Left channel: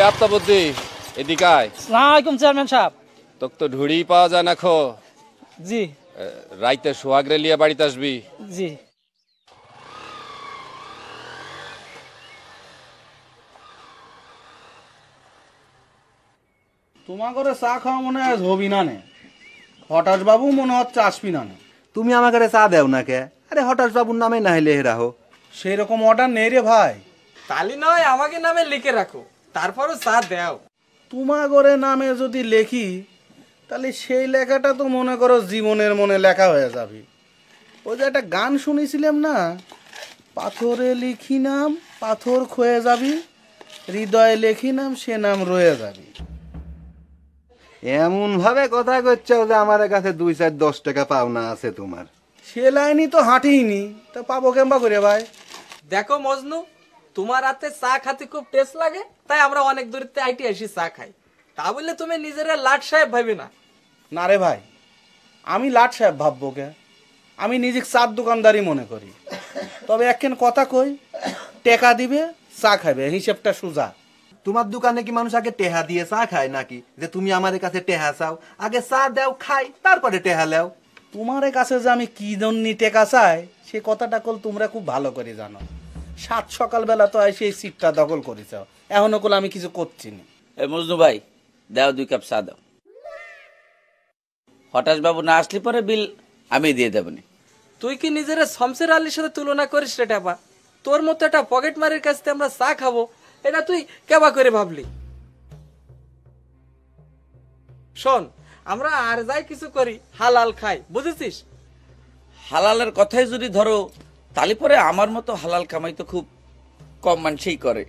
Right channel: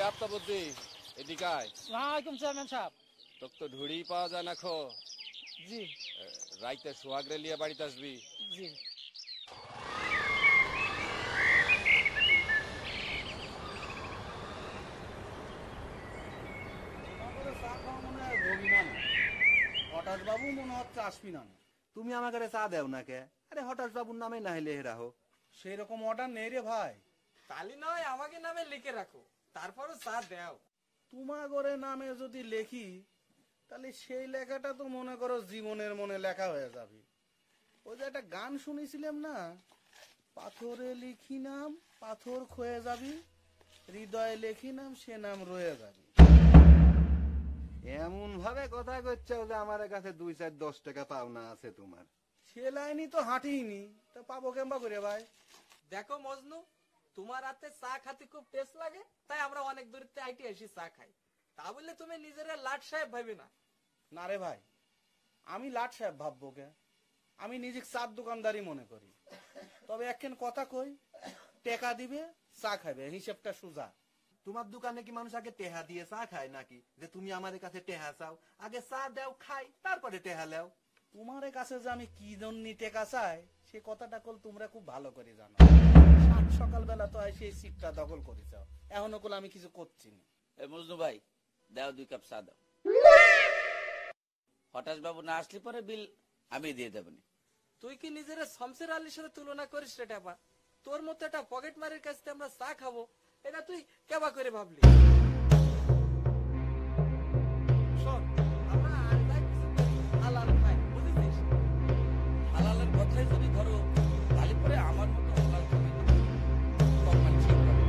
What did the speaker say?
এই আফতাবুদ্দি এদিকে আয়। আসসালামু আলাইকুম চেয়ারম্যান সাহেব। তোকে তো ঢুড়ি পাওয়া যায় না খো। জি রাইতে সোহাগরে লিয়ে বাড়িতে আসবি। জি। তোমার করে চা খাওয়া মনে হয় হবি না নে। হঠাৎ বাবু মনে হচ্ছে আসবি না নে। তুমি আমাকে চা দেও না কে? আরে হঠাৎ বাবুর নামে না হলে রাহো। সেই রকম অর্ডার নেই রে ভাই। তালি নয় আমাকে নামে লিখে রাখো, তারপরও চা দাও। তোমার করে নামে যদি লেখি তাহলে সেই লেখাটা তো মনে করো জীবনের মনে লেখা হয়ে যাবে। ওই যে একটা গান শুনেছিলাম না, পাথরে লিখি নাম পাথর ক্ষয়ে যাবি, হৃদয়ে লেখি নাম সে নাম রয়ে যাবি। এমন ভাবে কথা করছো যে আমার কাছে 2-4-10 টাকা পাওনা আছে তোমার। সে লাইনই তো হাঁটিনি, তা পাবো কেমবা করে ভাই? দেখো মজনু, তোমার হাতে চা খাতে খুব টেস্ট লাগে, তাই আমরা অনেক দূরতে আইটি আসি চা খাই। তা বললে তুমি নিজেরা লাট সাহেব ভাবি না। না রে ভাই, আমি লাট সাহেব ভাববো কে? আমি নিজে চার দোকানদারি মনে করি। তবে একখান কথা কই, টেকা দিবে চা খাবে, হিসেবটা সোজা। তোমার দোকানে কি মানুষ আগে টেহা দিয়ে চা খায় নাকি? যে তুমি আমাদের কাছে টেহা চাও, আগে চা দাও খাই তারপরে টেহা লেও। তোমার কাছে যে আমি কি জন্য টেকা চাই সে কথাটা কল তোমরা খুব ভালো করে জানো। সাত সকালবেলা তো এসে এই সিটটা দখল করেছ, এখনো কল আমি কিছু করছি না। এই মজনু ভাই, দাও 2 কাপ চা দাও। হঠাৎ বাবু না আসলে পরে বিল আমি দিয়ে দেবনি। তুই কি নিজেরা শমশের আলীর সাথে তুলনা করিস রে টাপা? তোর মতো একটা পকেট মারের কাছে আমরা চা খাবো, এটা তুই কেবা করে ভাবলি? শোন, আমরা আর যাই কিছু করি হালাল খাই, বুঝেছিস? হালালের কথাই যদি ধরো, তাহলে পরে আমার মতো হালাল কামাই তো খুব কম মানুষই করে।